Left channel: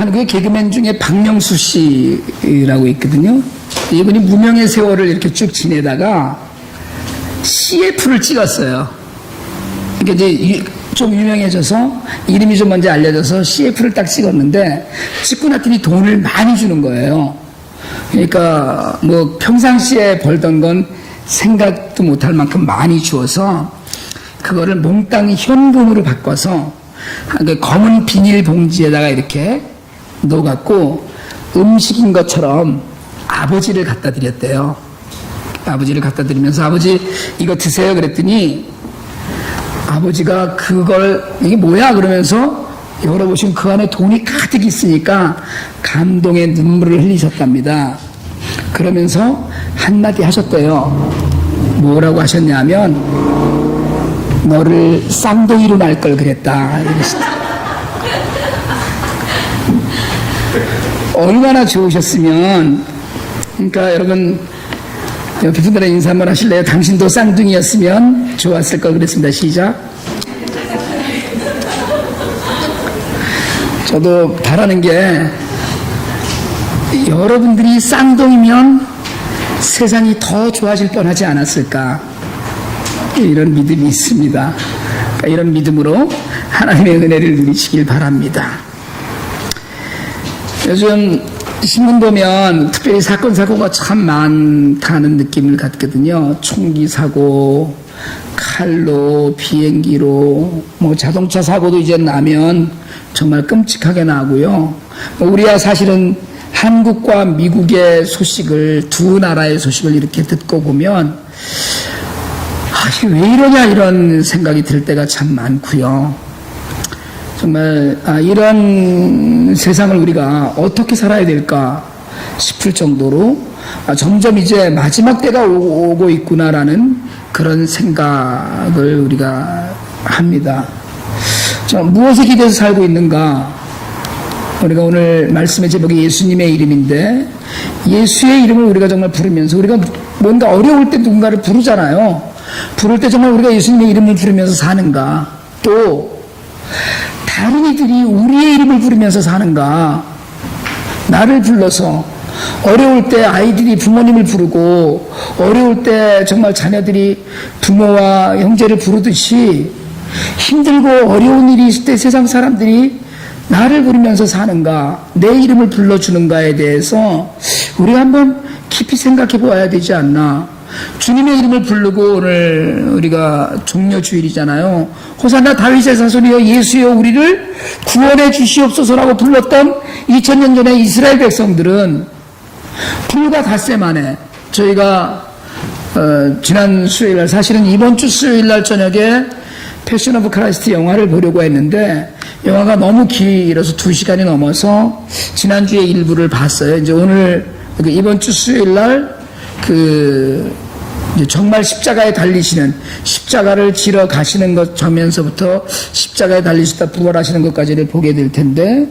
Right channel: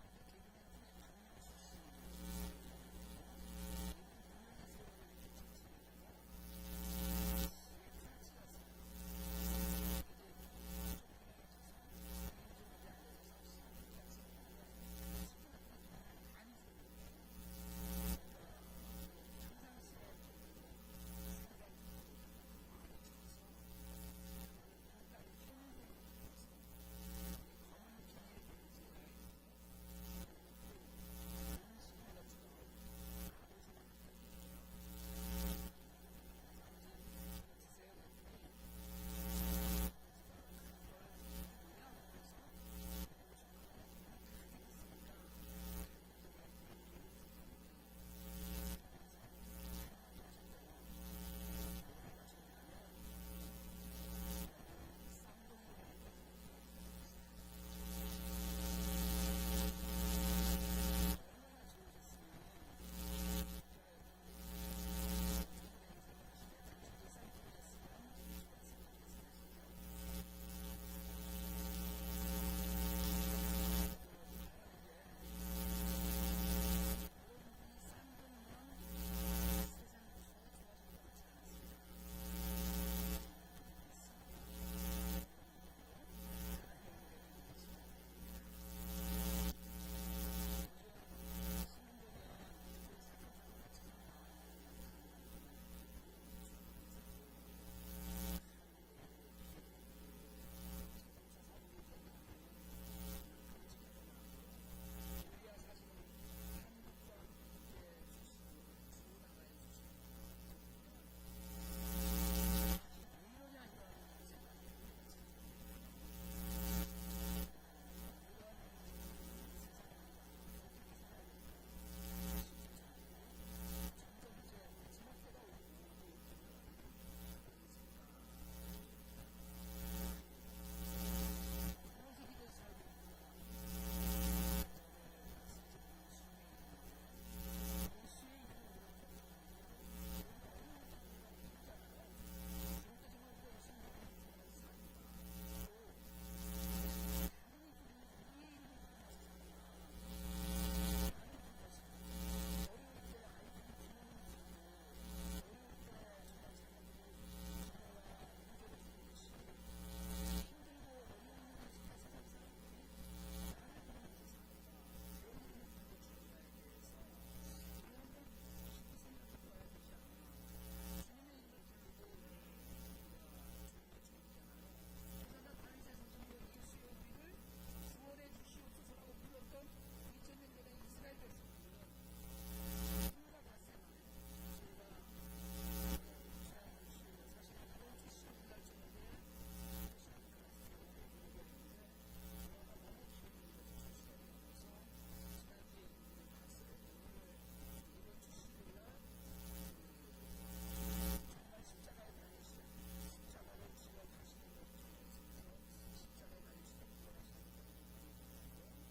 한국의 개그맨 중에 박명수 씨라고 있거든요. 이분이 무명의 세월을 이렇게 쭉 지내다가 CF를 찍었어요. 그러니까 이제 좀 유명해져서 이름이 좀 먼저 알려져서 CF를 딱 찍었는데 찍고 났더니 돈을 많이 주는 거예요. 그러니까 뭐 평상시에 벌던 건 생각도 못할 만큼 많이 주어서 그거를 몽땅 현금으로 바꿔서 검은 비닐 봉지에다가 이렇게 넣어갖고 음식인 것처럼 아버지를 갖다 드렸대요. 아버지를 갖다 드리면서 아버지 이거 드세요 그랬더니 아버지가 그걸 이게 뭐야 그러면서 열어보시면 그 안에 돈이 가득 있으니까 감동의 눈물을 흘리셨답니다. 그러면서 한마디 하셨대요. 뭐라고 하셨냐면 너를 쌍둥이로 날 걸 그랬다. 얼마나 좋으셨으면. 그러니까 여러분 옆에 분들의 인사 한번 하실래요? 당신도 쌍둥이였으면 좋았을 걸 그랬습니다. 시작. 저도 바라는 게 여러분들이 쌍둥이면 세상이 더 좋아질 뻔하지 않았을까 이런 믿음이 있습니다. 그러니까 이런 믿음으로 하나님의 은혜를 누리시길 바랍니다. 요즘 신문 보면 특별히 사건 사고가 참 많다는 느낌을 갖거든요. 총기 사고, 칼로, 비행기로, 뭐 자동차 사고도 이제 나면 정말 끔찍하게 나고요. 우리야 사실은 한국과 미국의 소식을 두 나라의 소식을 이렇게 듣고 보면 이게 왜 이러냐 이런 생각이 들 때가 참 많고요. 정말 이런 세상을 우리가 어떻게 살아야 될까 싶을 정도로 점점 이제 마지막 때가 오고 있구나라는 그런 생각을 우리가 합니다. 무엇에 기대서 살고 있는가? 우리가 오늘 말씀의 제목이 예수님의 이름인데 예수의 이름을 우리가 정말 부르면서 우리가 뭔가 어려울 때 누군가를 부르잖아요. 부를 때 정말 우리가 예수님의 이름을 부르면서 사는가? 또 다른 이들이 우리의 이름을 부르면서 사는가? 나를 불러서 어려울 때 아이들이 부모님을 부르고 어려울 때 정말 자녀들이 부모와 형제를 부르듯이 힘들고 어려운 일이 있을 때 세상 사람들이 나를 부르면서 사는가, 내 이름을 불러주는가에 대해서 우리가 한번 깊이 생각해 보아야 되지 않나. 주님의 이름을 부르고 오늘 우리가 종려주일이잖아요. 호산나 다윗의 자손이여 예수여 우리를 구원해 주시옵소서라고 불렀던 2000년 전에 이스라엘 백성들은 불과 닷새 만에 저희가 지난 수요일날 사실은 이번 주 수요일날 저녁에 패션 오브 크라이스트 영화를 보려고 했는데 영화가 너무 길어서 2시간이 넘어서 지난주에 일부를 봤어요. 이제 오늘 이번 주 수요일날 정말 십자가에 달리시는 십자가를 지러 가시는 것 장면서부터 십자가에 달리시다 부활하시는 것까지를 보게 될 텐데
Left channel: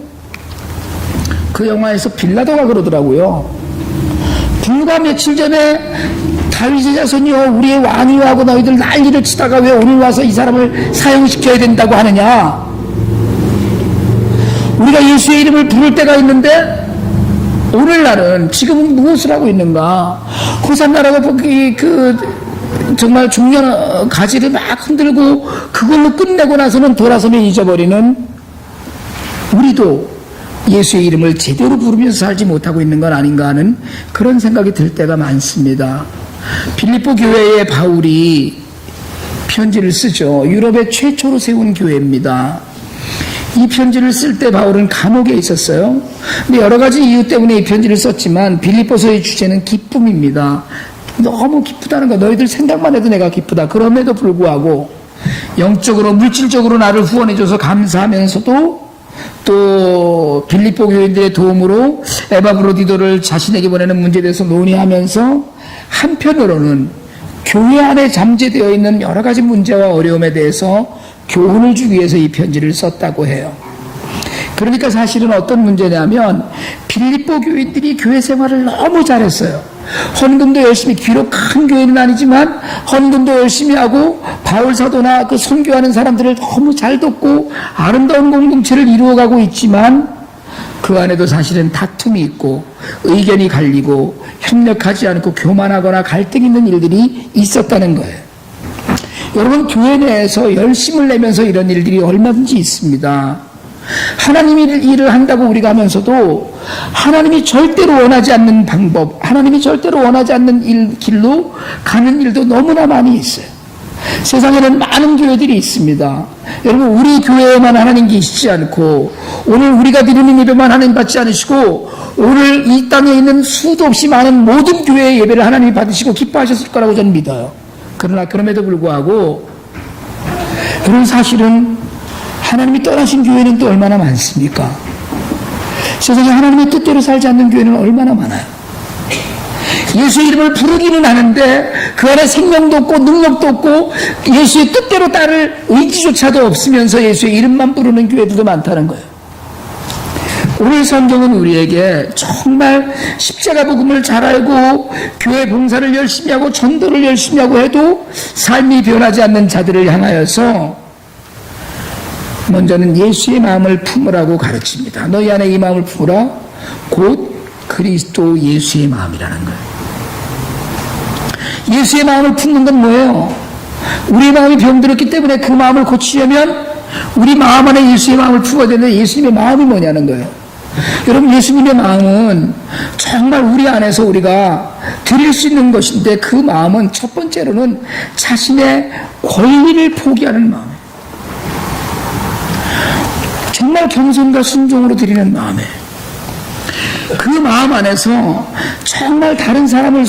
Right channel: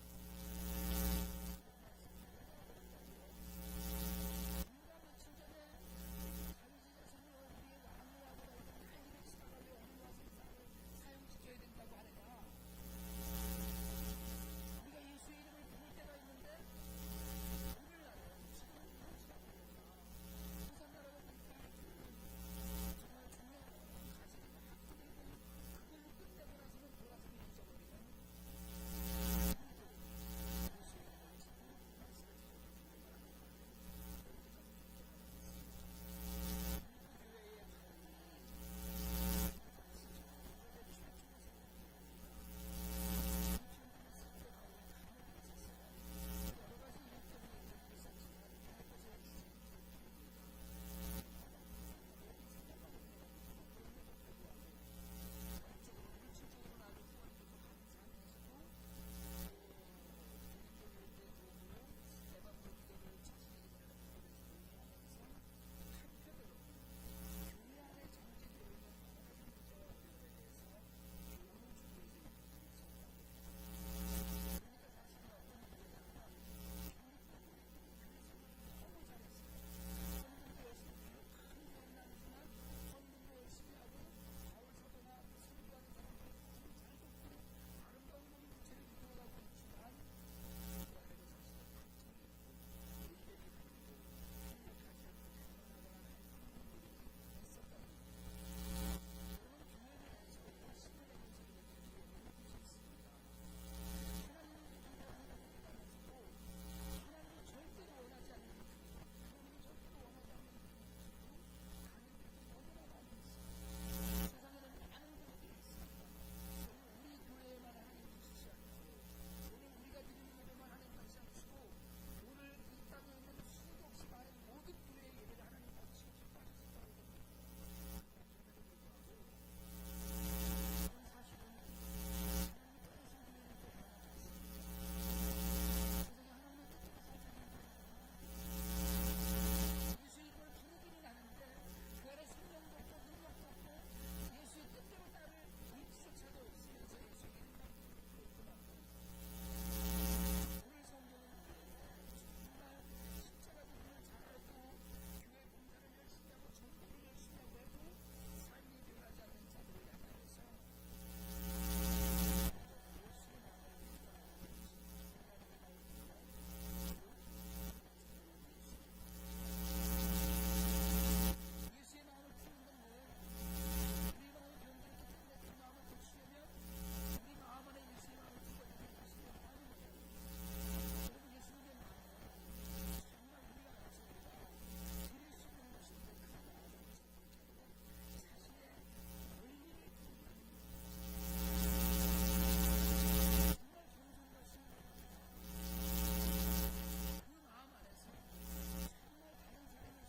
그 영화에서 빌라도가 그러더라고요. 불과 며칠 전에 다윗의 자손이여 우리의 왕이여 하고 너희들 난리를 치다가 왜 오늘 와서 이 사람을 사형시켜야 된다고 하느냐. 우리가 예수의 이름을 부를 때가 있는데 오늘날은 지금은 무엇을 하고 있는가? 호산나라고 정말 중년 가지를 막 흔들고 그걸로 끝내고 나서는 돌아서면 잊어버리는 우리도 예수의 이름을 제대로 부르면서 살지 못하고 있는 건 아닌가 하는 그런 생각이 들 때가 많습니다. 빌립보 교회에 바울이 편지를 쓰죠. 유럽의 최초로 세운 교회입니다. 이 편지를 쓸 때 바울은 감옥에 있었어요. 근데 여러 가지 이유 때문에 이 편지를 썼지만 빌립보서의 주제는 기쁨입니다. 너무 기쁘다는 거. 너희들 생각만 해도 내가 기쁘다. 그럼에도 불구하고 영적으로 물질적으로 나를 후원해줘서 감사하면서도 또 빌립보 교인들의 도움으로 에바브로디도를 자신에게 보내는 문제에 대해서 논의하면서 한편으로는 교회 안에 잠재되어 있는 여러 가지 문제와 어려움에 대해서 교훈을 주기 위해서 이 편지를 썼다고 해요. 그러니까 사실은 어떤 문제냐면 빌립보 교인들이 교회 생활을 너무 잘했어요. 헌금도 열심히, 비록 큰 교회는 아니지만 헌금도 열심히 하고 바울 사도나 그 선교하는 사람들을 너무 잘 돕고 아름다운 공동체를 이루어가고 있지만 그 안에도 사실은 다툼이 있고 의견이 갈리고 협력하지 않고 교만하거나 갈등 있는 일들이 있었다는 거예요. 여러분, 교회 내에서 열심을 내면서 이런 일들이 얼마든지 있습니다. 하나님이 일을 한다고 우리가 하면서도 하나님이 절대로 원하지 않는 방법, 하나님이 절대로 원하지 않는 길로 가는 일도 너무나 많이 있어요. 세상에는 많은 교회들이 있습니다. 여러분, 우리 교회에만 하나님 계시지 않고 오늘 우리가 드리는 예배만 하나님 받지 않으시고 오늘 이 땅에 있는 수도 없이 많은 모든 교회의 예배를 하나님이 받으시고 기뻐하셨을 거라고 저는 믿어요. 그러나 그럼에도 불구하고 여러분, 사실은 하나님이 떠나신 교회는 또 얼마나 많습니까? 세상에 하나님의 뜻대로 살지 않는 교회는 얼마나 많아요. 예수의 이름을 부르기는 하는데 그 안에 생명도 없고 능력도 없고 예수의 뜻대로 따를 의지조차도 없으면서 예수의 이름만 부르는 교회들도 많다는 거예요. 오늘 성경은 우리에게 정말 십자가 복음을 잘 알고 교회 봉사를 열심히 하고 전도를 열심히 하고 해도 삶이 변하지 않는 자들을 향하여서 먼저는 예수의 마음을 품으라고 가르칩니다. 너희 안에 이 마음을 품으라. 곧 그리스도 예수의 마음이라는 거예요. 예수의 마음을 품는 건 뭐예요? 우리 마음이 병들었기 때문에 그 마음을 고치려면 우리 마음 안에 예수의 마음을 품어야 되는데 예수님의 마음이 뭐냐는 거예요. 여러분, 예수님의 마음은 정말 우리 안에서 우리가 드릴 수 있는 것인데 그 마음은 첫 번째로는 자신의 권리를 포기하는 마음이에요. 정말 겸손과 순종으로 드리는 마음에 그 마음 안에서 정말 다른 사람을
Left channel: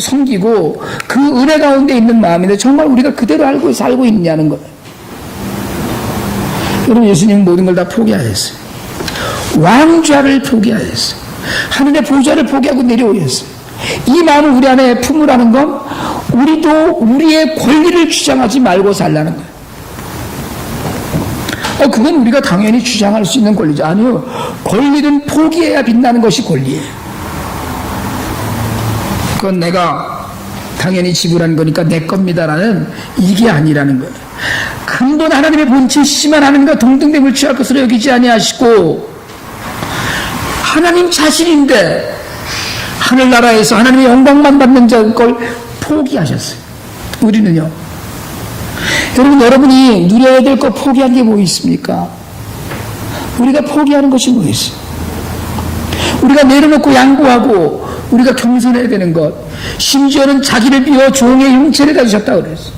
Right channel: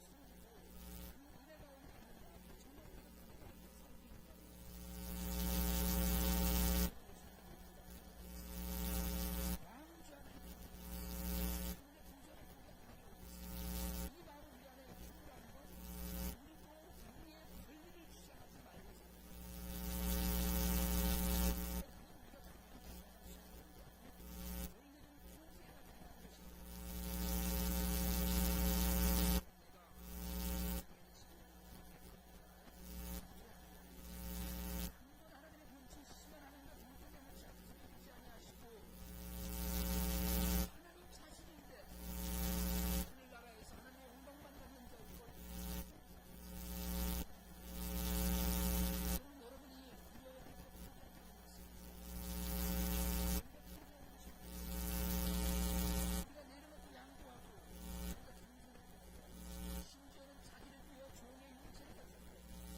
섬기고 그 은혜 가운데 있는 마음인데 정말 우리가 그대로 알고 살고 있냐는 거예요. 여러분, 예수님은 모든 걸 다 포기하셨어요. 왕좌를 포기하셨어요. 하늘의 보좌를 포기하고 내려오셨어요. 이 마음을 우리 안에 품으라는 건 우리도 우리의 권리를 주장하지 말고 살라는 거예요. 그건 우리가 당연히 주장할 수 있는 권리죠. 아니요. 권리는 포기해야 빛나는 것이 권리예요. 그건 내가 당연히 지불한 거니까 내 겁니다라는 이게 아니라는 거예요. 근본 하나님의 본체시지만 하나님과 동등됨을 취할 것으로 여기지 아니하시고 하나님 자신인데 하늘나라에서 하나님의 영광만 받는 걸 포기하셨어요. 우리는요. 여러분이 누려야 될 거 포기한 게 뭐 있습니까? 우리가 포기하는 것이 뭐 있어요? 우리가 내려놓고 양보하고 우리가 겸손해야 되는 것, 심지어는 자기를 비워 종의 형체를 가지셨다고 그랬어요.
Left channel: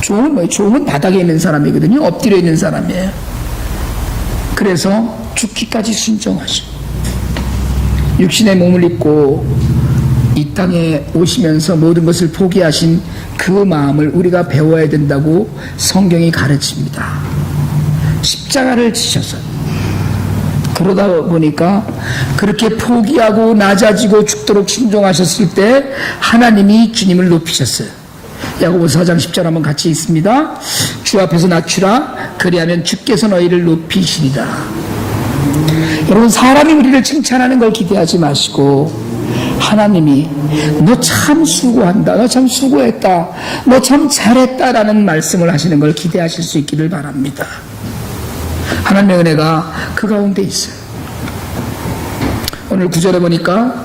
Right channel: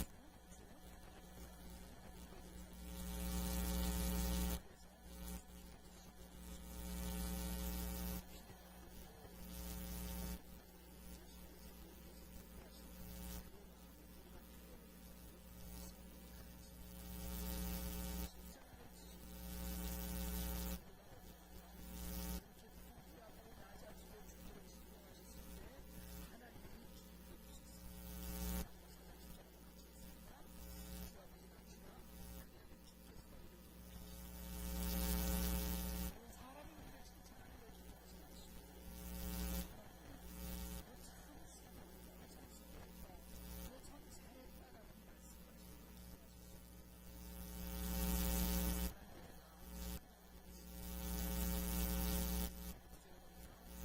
종은 뭐예요? 종은 바닥에 있는 사람이거든요. 엎드려 있는 사람이에요. 그래서 죽기까지 순종하시고 육신의 몸을 입고 이 땅에 오시면서 모든 것을 포기하신 그 마음을 우리가 배워야 된다고 성경이 가르칩니다. 십자가를 지셔서 그러다 보니까 그렇게 포기하고 낮아지고 죽도록 순종하셨을 때 하나님이 주님을 높이셨어요. 야고보서 4장 10절 한번 같이 읽습니다. 주 앞에서 낮추라. 그리하면 주께서 너희를 높이시리라. 여러분, 사람이 우리를 칭찬하는 걸 기대하지 마시고 하나님이 너 참 수고한다, 너 참 수고했다, 너 참 잘했다라는 말씀을 하시는 걸 기대하실 수 있기를 바랍니다. 하나님의 은혜가 그 가운데 있어요. 오늘 9절에 보니까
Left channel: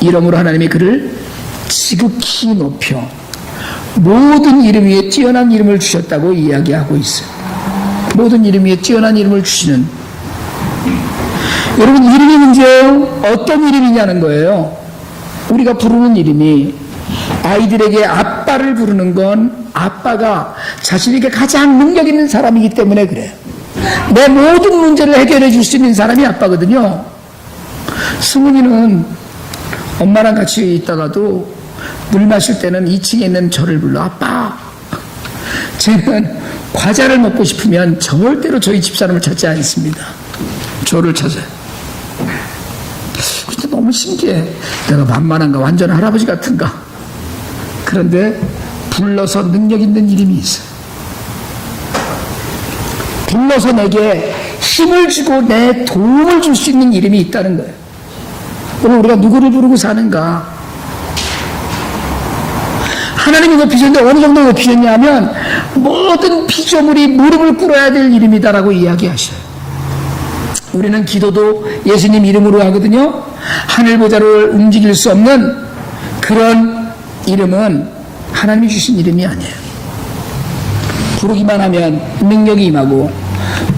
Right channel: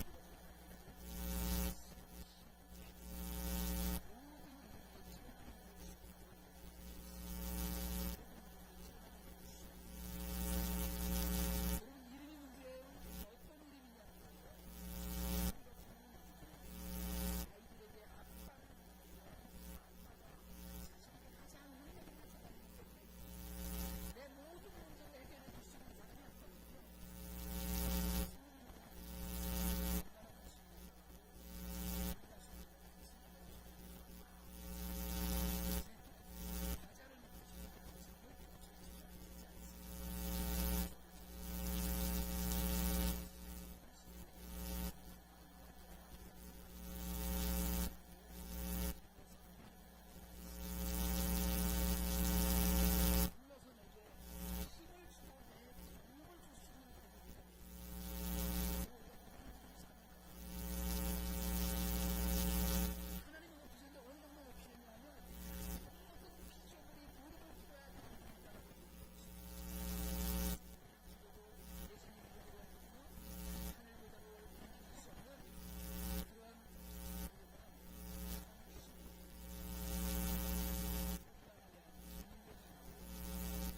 이러므로 하나님이 그를 지극히 높여 모든 이름 위에 뛰어난 이름을 주셨다고 이야기하고 있어요. 모든 이름 위에 뛰어난 이름을 주시는, 여러분, 이름이 문제예요? 어떤 이름이냐는 거예요. 우리가 부르는 이름이, 아이들에게 아빠를 부르는 건 아빠가 자신에게 가장 능력 있는 사람이기 때문에 그래요. 내 모든 문제를 해결해 줄 수 있는 사람이 아빠거든요. 승훈이는 엄마랑 같이 있다가도 물 마실 때는 2층에 있는 저를 불러. 아빠. 쟤는 과자를 먹고 싶으면 절대로 저희 집사람을 찾지 않습니다. 저를 찾아요. 근데 너무 신기해. 내가 만만한가? 완전 할아버지 같은가? 그런데 불러서 능력 있는 이름이 있어요. 불러서 내게 힘을 주고 내 도움을 줄 수 있는 이름이 있다는 거예요. 오늘 우리가 누구를 부르고 사는가? 하나님이 높이셨는데 어느 정도 높이셨냐 하면 모든 피조물이 무릎을 꿇어야 될 이름이다라고 이야기하셔요. 우리는 기도도 예수님 이름으로 하거든요. 하늘 보좌를 움직일 수 없는 그런 이름은 하나님이 주신 이름이 아니에요. 부르기만 하면 능력이 임하고,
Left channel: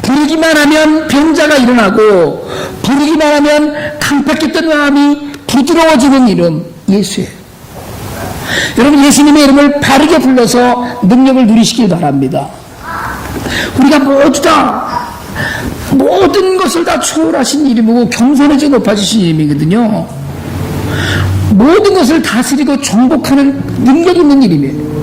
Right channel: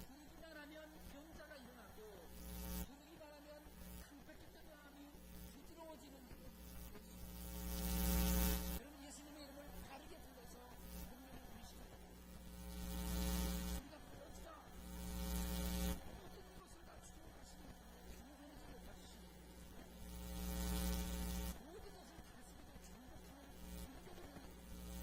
부르기만 하면 병자가 일어나고, 부르기만 하면 강팍했던 마음이 부드러워지는 이름, 예수예요. 여러분, 예수님의 이름을 바르게 불러서 능력을 누리시길 바랍니다. 우리가 모두 다 모든 것을 다 초월하신 이름이고 경선에서 높아지신 이름이거든요. 모든 것을 다스리고 정복하는 능력 있는 이름이에요.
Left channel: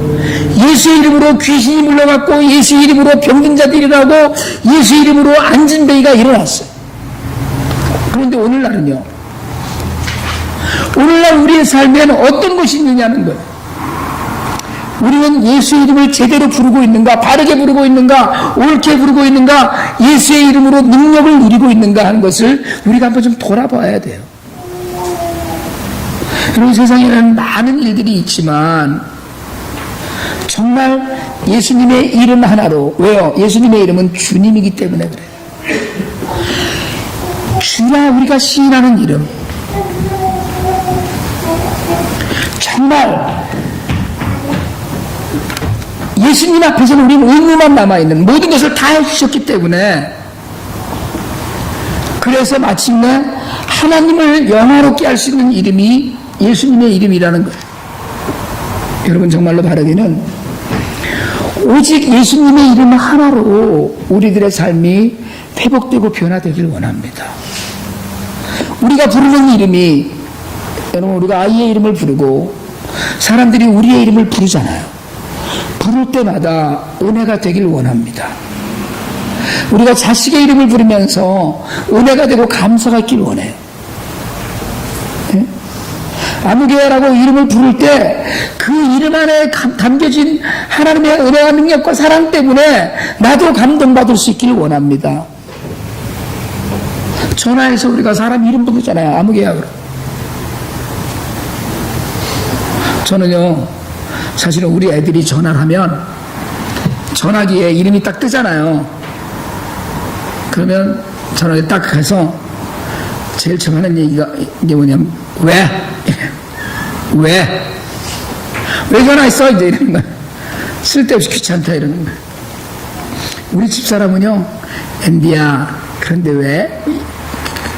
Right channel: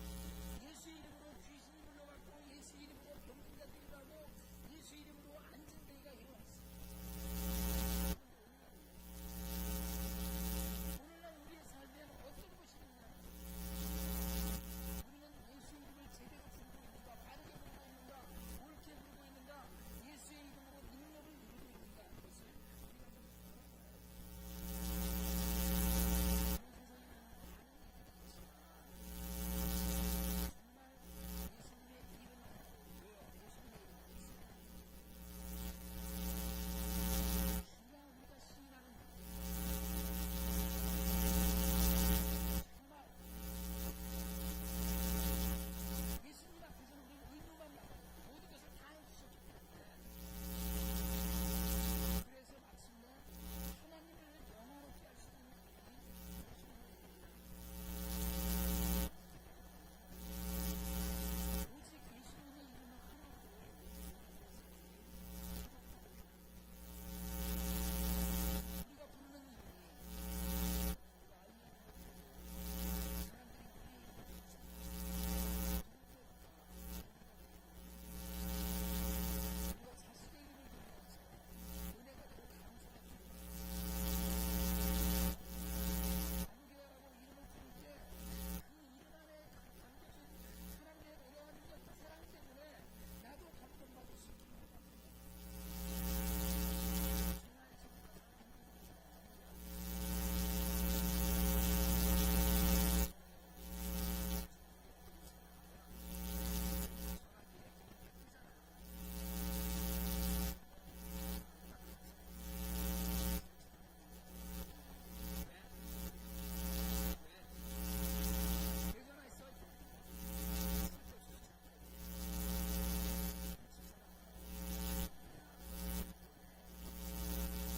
예수의 이름으로 귀신이 물러갔고, 예수의 이름으로 병든 자들이 일어나고, 예수의 이름으로 앉은 베이가 일어났어요. 그런데 오늘날은요, 오늘날 우리의 삶에는 어떤 것이 있느냐는 거예요. 우리는 예수의 이름을 제대로 부르고 있는가, 바르게 부르고 있는가, 옳게 부르고 있는가, 예수의 이름으로 능력을 누리고 있는가 하는 것을 우리가 한번 좀 돌아봐야 돼요. 여러분, 세상에는 많은 일들이 있지만 정말 예수님의 이름 하나로, 왜요? 예수님의 이름은 주님이기 때문에 그래요. 주라 우리가 시인하는 이름, 정말 예수님 앞에서는 우리는 의무만 남아있는, 모든 것을 다 해주셨기 때문에, 그래서 마침내 하나님을 영화롭게 할 수 있는 이름이 예수님의 이름이라는 거예요. 여러분, 정말로 바라기는 오직 예수님의 이름 하나로 우리들의 삶이 회복되고 변화되길 원합니다. 우리가 부르는 이름이, 여러분, 우리가 아이의 이름을 부르고 사람들이 우리의 이름을 부르잖아요. 부를 때마다 은혜가 되길 원합니다. 우리가 자식의 이름을 부르면서 은혜가 되고 감사가 있길 원해요. 네? 아무개라고 이름을 부를 때 그 이름 안에 담겨진 하나님의 은혜와 능력과 사랑 때문에 나도 감동받을 수 있길 원합니다. 전화해서 우리가 사람 이름 부르잖아요. 아무개야. 저는요, 사실은 우리 애들이 전화를 하면 전화기에 이름이 딱 뜨잖아요. 그러면 전화기에 딱 해서 제일 처음 하는 얘기가 이게 뭐냐면, 왜? 왜 전화했어? 이제 이러는 거야. 쓸데없이 귀찮다 이러는 거야. 우리 집사람은요, 앤디야, 그런데 왜?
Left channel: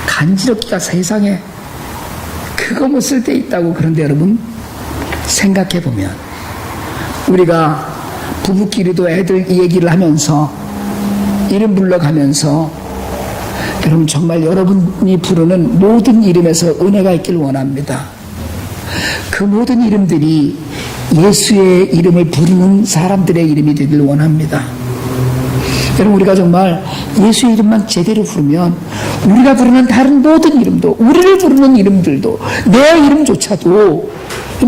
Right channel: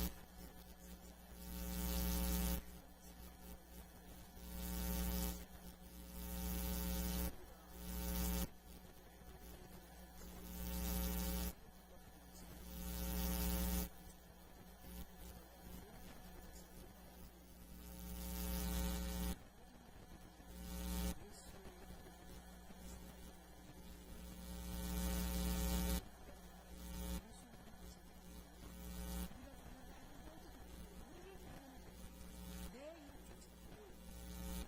간지럽기가 세상에 그거 뭐 쓸데 있다고. 그런데 여러분, 생각해보면 우리가 부부끼리도 애들 얘기를 하면서 이름 불러가면서, 여러분, 정말 여러분이 부르는 모든 이름에서 은혜가 있길 원합니다. 그 모든 이름들이 예수의 이름을 부르는 사람들의 이름이 되길 원합니다. 여러분, 우리가 정말 예수의 이름만 제대로 부르면 우리가 부르는 다른 모든 이름도, 우리를 부르는 이름들도, 내 이름조차도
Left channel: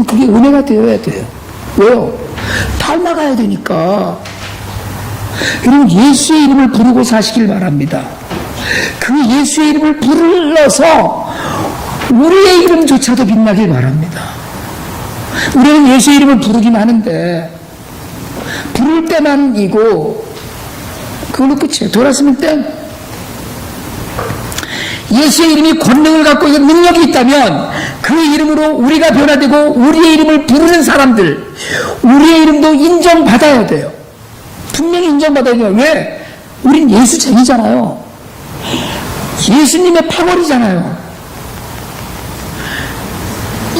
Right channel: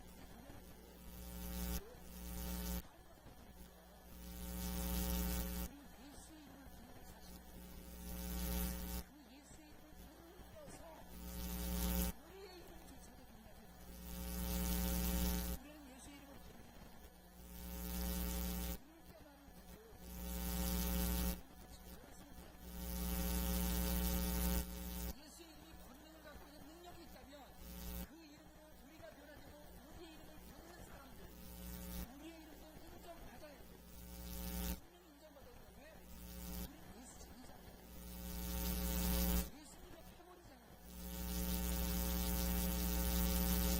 그게 은혜가 되어야 돼요. 왜요? 닮아가야 되니까. 여러분, 예수의 이름을 부르고 사시길 바랍니다. 그 예수의 이름을 불러서 우리의 이름조차도 빛나길 바랍니다. 우리는 예수의 이름을 부르긴 하는데 부를 때만이고 그걸로 끝이에요. 돌아서면 땡. 예수의 이름이 권능을 갖고 있는 능력이 있다면 그 이름으로 우리가 변화되고 우리의 이름을 부르는 사람들, 우리의 이름도 인정받아야 돼요. 분명히 인정받아야 돼요. 왜? 우린 예수쟁이잖아요. 예수님의 파벌이잖아요.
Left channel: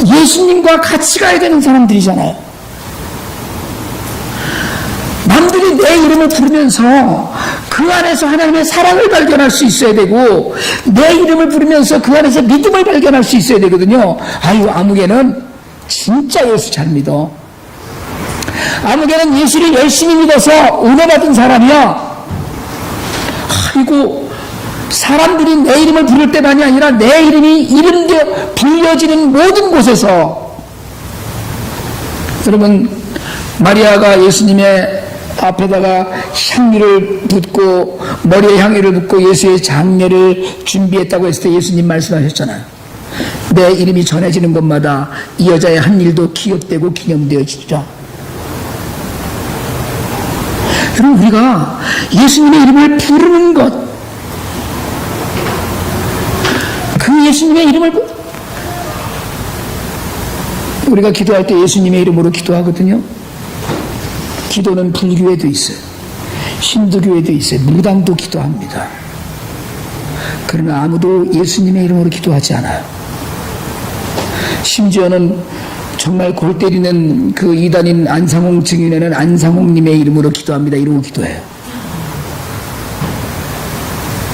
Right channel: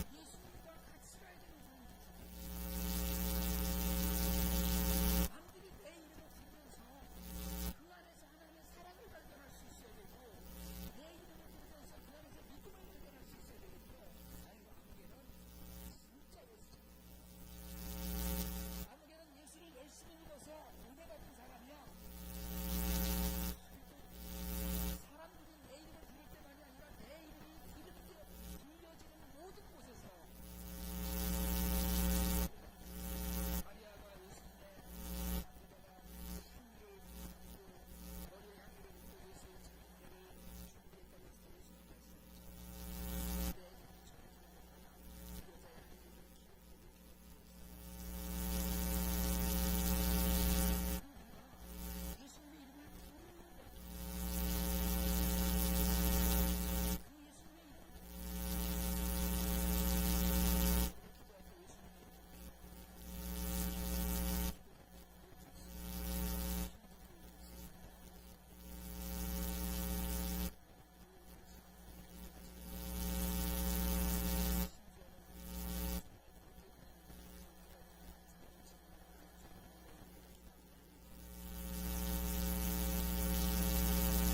예수님과 같이 가야 되는 사람들이잖아요. 남들이 내 이름을 부르면서 그 안에서 하나님의 사랑을 발견할 수 있어야 되고, 내 이름을 부르면서 그 안에서 믿음을 발견할 수 있어야 되거든요. 아유, 아무개는 진짜 예수 잘 믿어. 아무개는 예수를 열심히 믿어서 은혜 받은 사람이야. 아이고, 사람들이 내 이름을 부를 때만이 아니라 내 이름이 이름되어 불려지는 모든 곳에서, 여러분, 마리아가 예수님의 앞에다가 향유를 붓고 머리에 향유를 붓고 예수의 장례를 준비했다고 했을 때 예수님 말씀하셨잖아요. 내 이름이 전해지는 곳마다 이 여자의 한 일도 기억되고 기념되어지리라. 여러분, 우리가 예수님의 이름을 부르는 것, 예수님의 이름을 우리가 기도할 때 예수님의 이름으로 기도하거든요. 기도는 불교에도 있어요. 힌두교에도 있어요. 무당도 기도합니다. 그러나 아무도 예수님의 이름으로 기도하지 않아요. 심지어는 정말 골 때리는 그 이단인 안상홍 증인에는 안상홍님의 이름으로 기도합니다. 이러고 기도해요.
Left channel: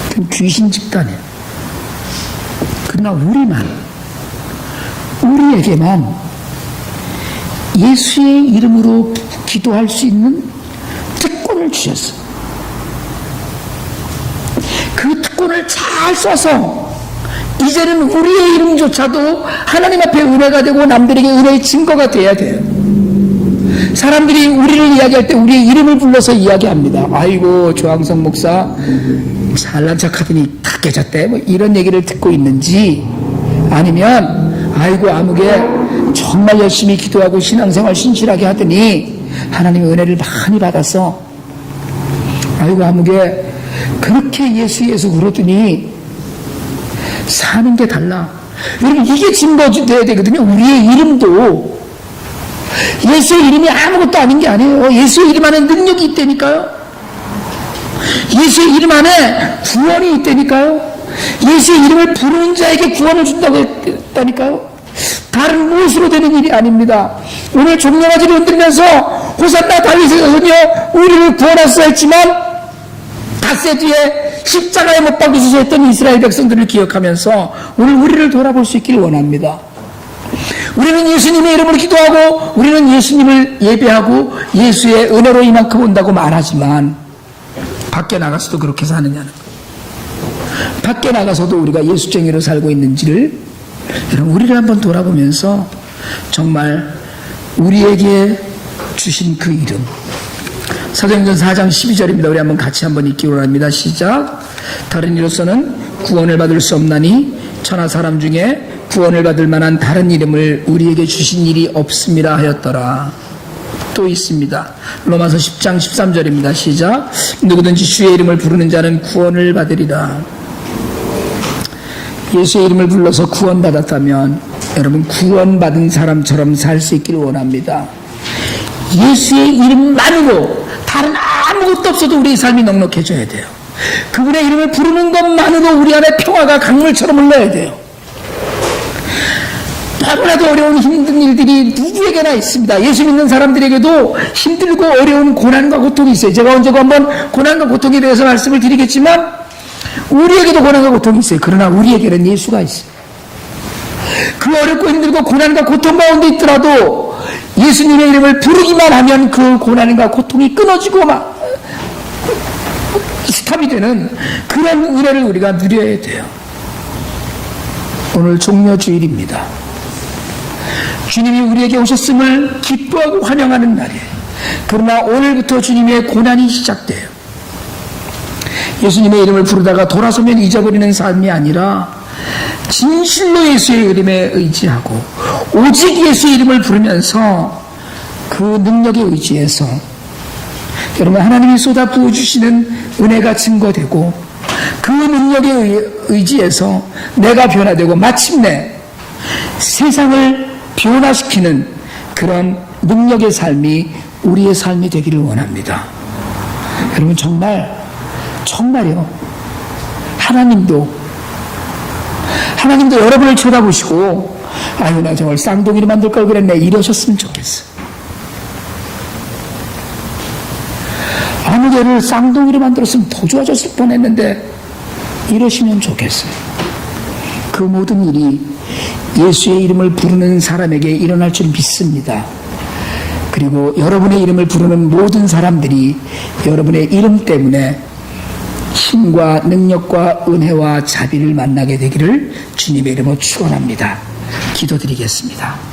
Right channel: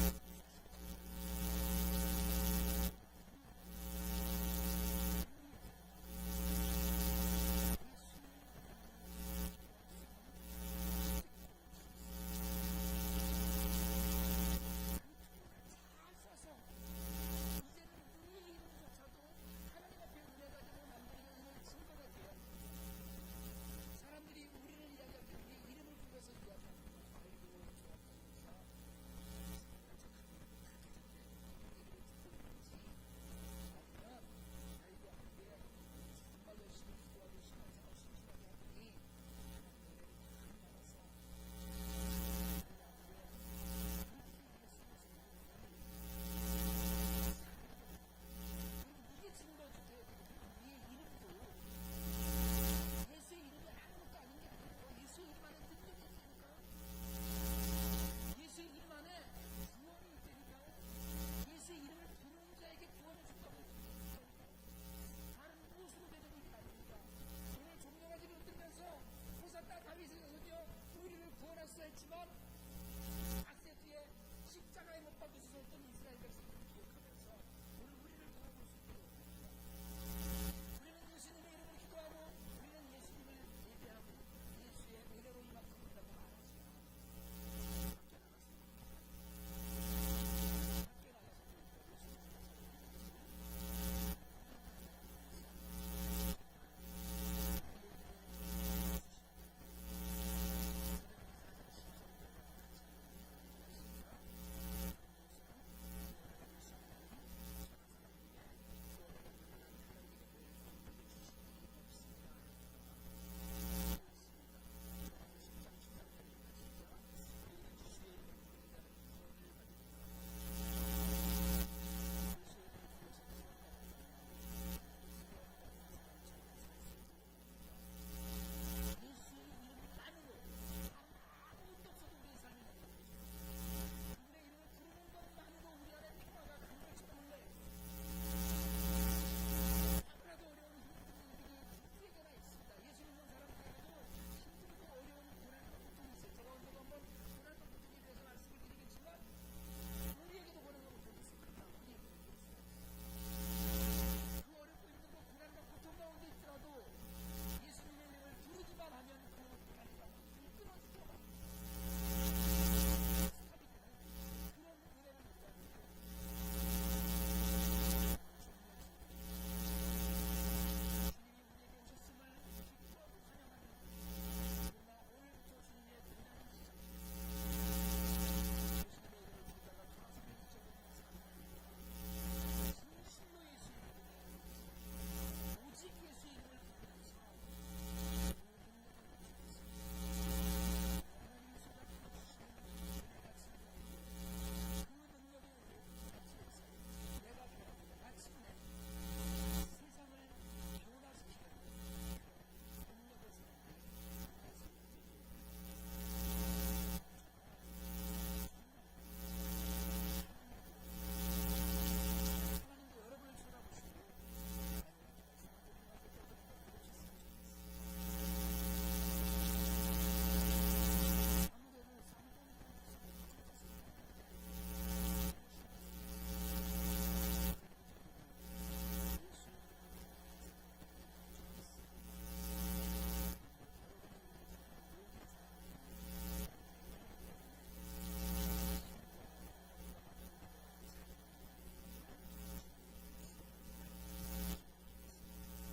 그건 귀신 집단이에요. 그러나 우리에게만 예수의 이름으로 기도할 수 있는 특권을 주셨어요. 그 특권을 잘 써서 이제는 우리의 이름조차도 하나님 앞에 은혜가 되고 남들에게 은혜의 증거가 돼야 돼요. 사람들이 우리를 이야기할 때 우리의 이름을 불러서 이야기합니다. 아이고 조항성 목사 잘난 척하더니 다 깨졌대, 뭐 이런 얘기를 듣고 있는지, 아니면 아이고 아무개 정말 열심히 기도하고 신앙생활 신실하게 하더니 하나님의 은혜를 많이 받아서 아이고 아무개 그렇게 예수 그러더니 사는 게 달라. 여러분 이게 증거돼야 되거든요. 우리의 이름도 예수의 이름이 아무것도 아닌 게 아니에요. 예수의 이름 안에 능력이 있다니까요. 예수의 이름 안에 구원이 있다니까요. 예수의 이름을 부르는 자에게 구원을 준다고 했다니까요. 다른 무엇으로 되는 일이 아닙니다. 오늘 종려가지를 흔들면서 호산나 다윗의 자손이여 우리를 구원하소서 했지만 닷새 뒤에 십자가에 못 박으소서 했던 이스라엘 백성들을 기억하면서 오늘 우리를 돌아볼 수 있기를 원합니다. 우리는 예수님의 이름으로 기도하고 우리는 예수님을 예배하고 예수의 은혜로 이만큼 온다고 말하지만 밖에 나가서도 그렇게 사느냐는 거예요. 밖에 나가서도 우리가 예수쟁이로 살고 있는지를 여러분 우리를 한번 돌아보면서 정말 우리에게 주신 그 이름, 사도행전 4장 12절입니다. 우리 한번 같이 한번 읽기로 합니다. 시작. 다른 이로서는 구원을 받을 수 없나니 천하 사람 중에 구원을 받을 만한 다른 이름을 우리에게 주신 일이 없음이라 하였더라. 또 있습니다. 로마서 10장 13절입니다. 시작. 누구든지 주의 이름을 부르는 자는 구원을 받으리라. 예수의 이름을 불러서 구원받았다면 여러분 구원받은 사람처럼 살 수 있기를 원합니다. 예수의 이름만으로 다른 아무것도 없어도 우리의 삶이 넉넉해져야 돼요. 그분의 이름을 부르는 것만으로 우리 안에 평화가 강물처럼 흘러야 돼요. 너무나도 어려운 힘든 일들이 누구에게나 있습니다. 예수 믿는 사람들에게도 힘들고 어려운 고난과 고통이 있어요. 제가 언제고 한번 고난과 고통에 대해서 말씀을 드리겠지만 우리에게도 고난과 고통이 있어요. 그러나 우리에게는 예수가 있어요. 그 어렵고 힘들고 고난과 고통 가운데 있더라도 예수님의 이름을 부르기만 하면 그 고난과 고통이 끊어지고 막 스탑이 되는 그런 은혜를 우리가 누려야 돼요. 오늘 종려주일입니다. 주님이 우리에게 오셨음을 기뻐하고 환영하는 날이에요. 그러나 오늘부터 주님의 고난이 시작돼요. 예수님의 이름을 부르다가 돌아서면 잊어버리는 삶이 아니라 진실로 예수의 이름에 의지하고 오직 예수의 이름을 부르면서 그 능력에 의지해서 여러분 하나님이 쏟아 부어주시는 은혜가 증거되고 그 능력에 의지해서 내가 변화되고 마침내 세상을 변화시키는 그런 능력의 삶이 우리의 삶이 되기를 원합니다. 여러분 정말요 하나님도 여러분을 쳐다보시고 아유 나 저걸 쌍둥이로 만들 걸 그랬네 이러셨으면 좋겠어요. 아무개를 쌍둥이로 만들었으면 더 좋아졌을 뻔했는데 이러시면 좋겠어요. 그 모든 일이 예수의 이름을 부르는 사람에게 일어날 줄 믿습니다. 그리고 여러분의 이름을 부르는 모든 사람들이 여러분의 이름 때문에 힘과 능력과 은혜와 자비를 만나게 되기를 주님의 이름으로 축원합니다. 기도드리겠습니다.